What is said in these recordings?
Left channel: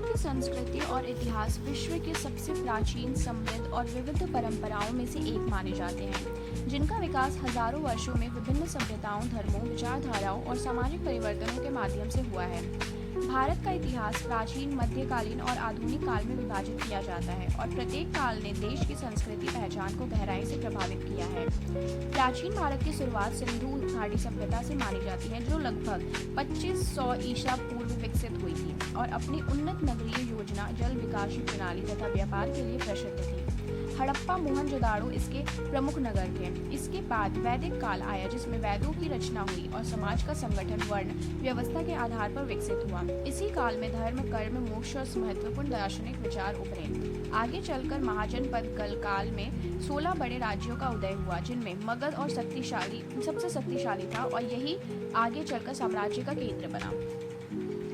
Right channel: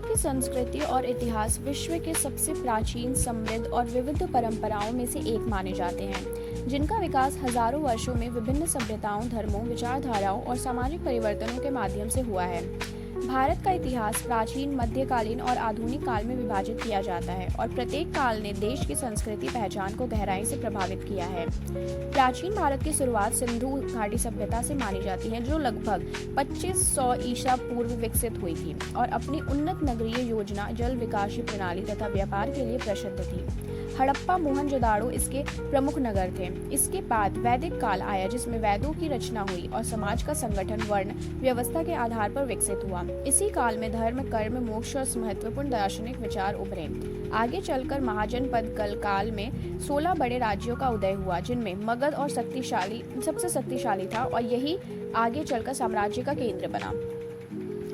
भारत की संस्कृति और इतिहास विश्व के सबसे प्राचीन, समृद्ध और विविध परंपराओं में से एक माने जाते हैं, जिनका विकास हजारों वर्षों में विभिन्न सभ्यताओं, धर्मों, विचारधाराओं और सामाजिक परिवर्तनों के माध्यम से हुआ है। भारत का इतिहास प्राचीन, मध्यकालीन और आधुनिक काल में विभाजित किया जाता है और प्रत्येक काल ने देश की संस्कृति पहचान को गहराई से प्रभावित किया है। प्राचीन भारत की शुरुआत सिंधु घाटी सभ्यता से मानी जाती है, जो लगभग 2500 ईसा पूर्व विकसित हुई थी और अपनी उन्नत नगरीय योजना, जल विकास प्रणाली तथा व्यापार के लिए प्रसिद्ध थी। हड़प्पा, मोहनजोदाड़ो इसके प्रमुख नगर थे। इसके बाद वैदिक काल आया, जिसमें वेदों की रचना हुई और समाज का संगठन वर्ण व्यवस्था के आधार पर विकसित हुआ। इसी काल में धर्म, कर्म, मोक्ष और महत्वपूर्ण दार्शनिक विचार उभरे। आगे चलकर महाजनपद काल में 16 बड़े राज्यों का उदय हुआ, जिनमें मगध और सबसे शक्तिशाली था और यही आगे चलकर साम्राज्य का केंद्र बना।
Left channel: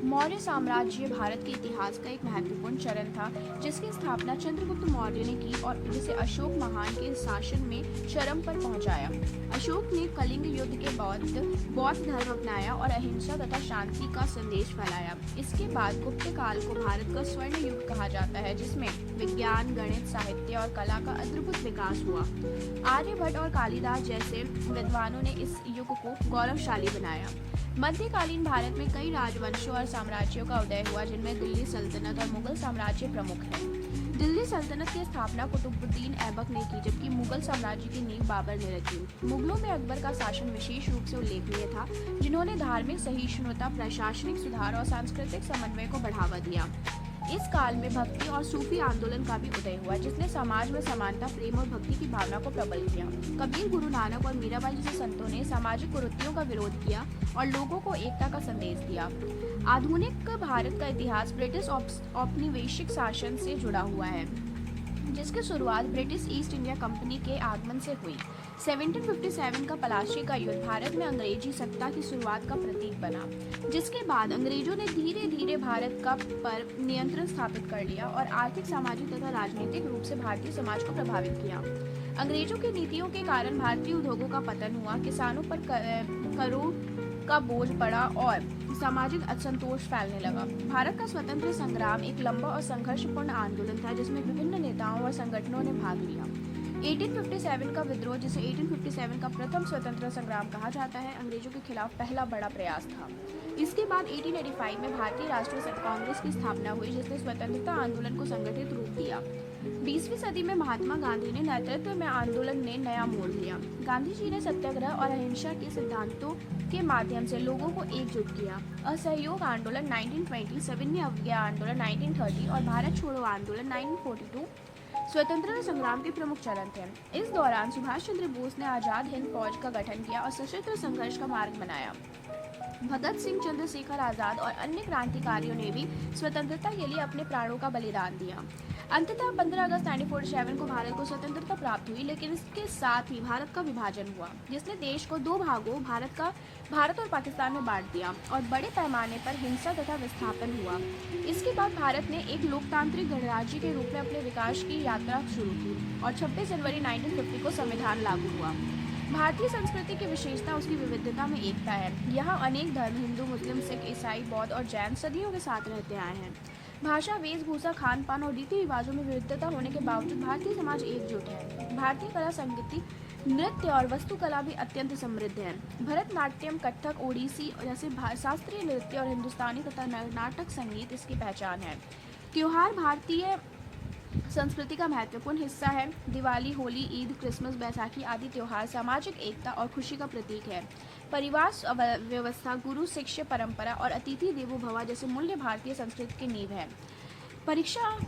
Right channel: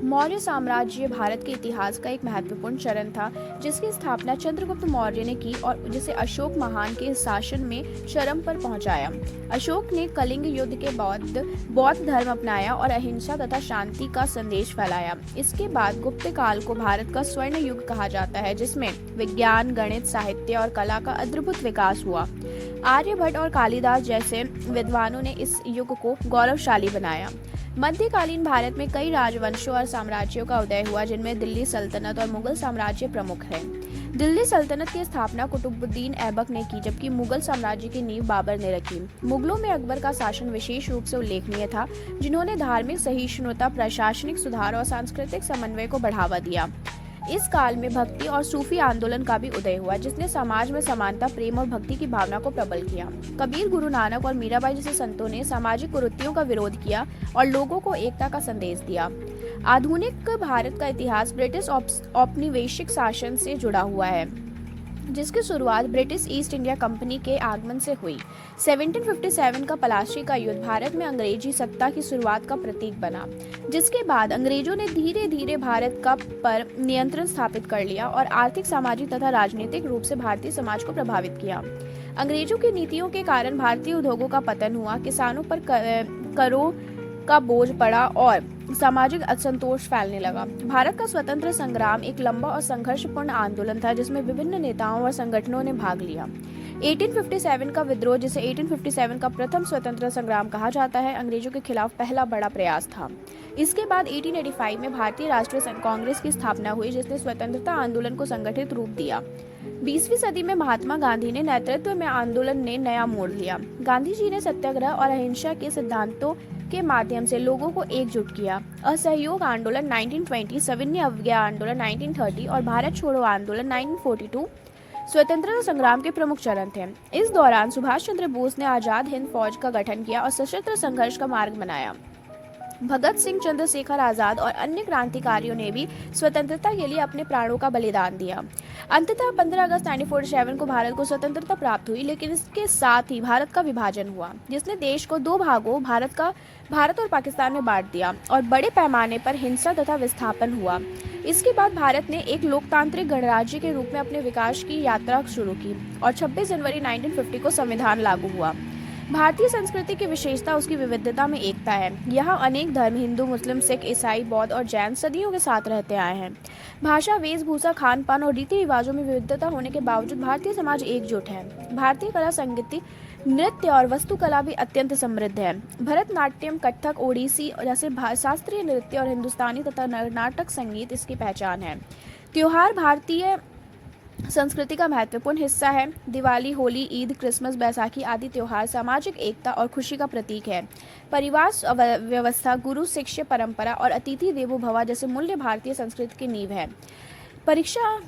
मौर्य साम्राज्य भारत के इतिहास का एक महत्वपूर्ण चरण था, जिसकी स्थापना चंद्रगुप्त मौर्य ने की और जिसे अशोक महान के शासन में चरम पर पहुंचाया। अशोक ने कलिंग युद्ध के बाद बौद्ध धर्म अपनाया और अहिंसा तथा शांति का संदेश फैलाया। इसके बाद गुप्त काल को भारत का स्वर्ण युग कहा जाता है, जिसमें विज्ञान, गणित, साहित्य और कला का अद्भुत विकास हुआ। आर्यभट्ट और कालिदास जैसे विद्वानों ने इस युग को गौरवशाली बनाया। मध्यकालीन भारत में कई राजवंशों और साम्राज्यों का उदय हुआ, जिनमें दिल्ली सल्तनत और मुगल साम्राज्य प्रमुख हैं। दिल्ली सल्तनत की स्थापना कुतुबुद्दीन ऐबक ने की, जबकि मुगल साम्राज्य की नींव बाबर ने रखी। मुगलों में अकबर का शासन विशेष रूप से उल्लेखनीय था, जिन्होंने धार्मिक सहिष्णुता, प्रशासनिक सुधार और सांस्कृतिक समन्वय को बढ़ावा दिया। इस काल में भक्ति और सूफी आंदोलन का भी उदय हुआ, जिसने समाज में समानता, प्रेम और भक्ति की भावना को प्रबल किया। कबीर, गुरु नानक और मीराबाई जैसे संतों ने सामाजिक कुरीतियों का विरोध किया और लोगों को एकता का संदेश दिया। आधुनिक भारत का इतिहास ब्रिटिश औपनिवेशिक शासन से जुड़ा हुआ है, जिसकी शुरुआत ब्रिटिश ईस्ट इंडिया कंपनी के आगमन से हुई। 1757 का पलाशी का युद्ध भारत में अंग्रेजी सत्ता की शुरुआत का प्रतीक बना, जिसके बाद अंग्रेजों ने धीरे धीरे भारत का पर नियंत्रण स्थापित कर लिया और आर्थिक, सामाजिक तथा राजनीतिक रूप से भारतीय समाज को प्रभावित किया। अंग्रेजों की नीतियों के कारण भारतीय उद्योगों का पतन हुआ, किसानों पर करों का बोझ पड़ा और सामाजिक असंतोष फैलने लगा। भारत का स्वतंत्र संग्राम एक लंबा और संघर्षपूर्ण आंदोलन था, जिसमें विभिन्न नेताओं और संगठनों ने भाग लिया। 1857 का विद्रोह, जिसे 1857 का प्रथम स्वतंत्रता संग्राम कहा जाता है, अंग्रेजों के खिलाफ पहला बड़ा प्रयास था। इसके बाद 1885 में भारतीय राष्ट्रीय कांग्रेस की स्थापना हुई, जिसने स्वतंत्रता आंदोलन को संगठित रूप दिया। 20वीं सदी में महात्मा गांधी ने नेतृत्व में आंदोलन ने नया मोड़ लिया। गांधी जी ने सत्याग्रह और अहिंसा के सिद्धांतों के माध्यम से लोगों को एकजुट किया। असहयोग आंदोलन 1920, सविनय अवज्ञा आंदोलन 1930 और भारत छोड़ो आंदोलन 1942 स्वतंत्रता संग्राम के प्रमुख चरण थे। इस दौरान सुभाष चंद्र बोस ने आजाद हिंद फौज का गठन किया और सशस्त्र संघर्ष का मार्ग बनाया। भगत सिंह, चंद्रशेखर आजाद और अन्य क्रांतिकारियों ने भी स्वतंत्रता के लिए अपने प्राणों का बलिदान दिया। अंततः 15 अगस्त 1947 को भारत को स्वतंत्रता प्राप्त हुई, लेकिन इसके साथ ही भारत का विभाजन हुआ, जिसने देश को दो भागों, भारत और पाकिस्तान में बांट दिया और बड़े पैमाने पर हिंसा तथा विस्थापन हुआ। इसके बाद भारत ने एक लोकतांत्रिक गणराज्य के रूप में अपने विकास की यात्रा शुरू की और 26 जनवरी 1950 को संविधान लागू हुआ। भारतीय संस्कृति की विशेषता उसकी विविधता में एकता है। यहाँ अनेक धर्म, हिंदू, मुस्लिम, सिख, ईसाई, बौद्ध और जैन सदियों के साथ रहते आए हैं। भाषा, वेशभूषा, खान पान और रीति रिवाजों में विविधता होने के बावजूद भारतीय समाज एकजुट है। भारतीय कला, संगीत, नृत्य और वास्तुकला भी अत्यंत समृद्ध है। भरतनाट्यम, कथक, ओडिसी जैसे शास्त्रीय नृत्य और हिंदुस्तानी तथा नाटक संगीत इसकी पहचान है। त्योहार भारतीय संस्कृति का महत्वपूर्ण हिस्सा है। दिवाली, होली, ईद, क्रिसमस, बैसाखी आदि त्योहार सामाजिक एकता और खुशी का प्रतीक है। परिवार व्यवस्था, गुरु शिष्य परंपरा और अतिथि देवो भव जैसे मूल्य भारतीय संस्कृति की नींव है। परीक्षा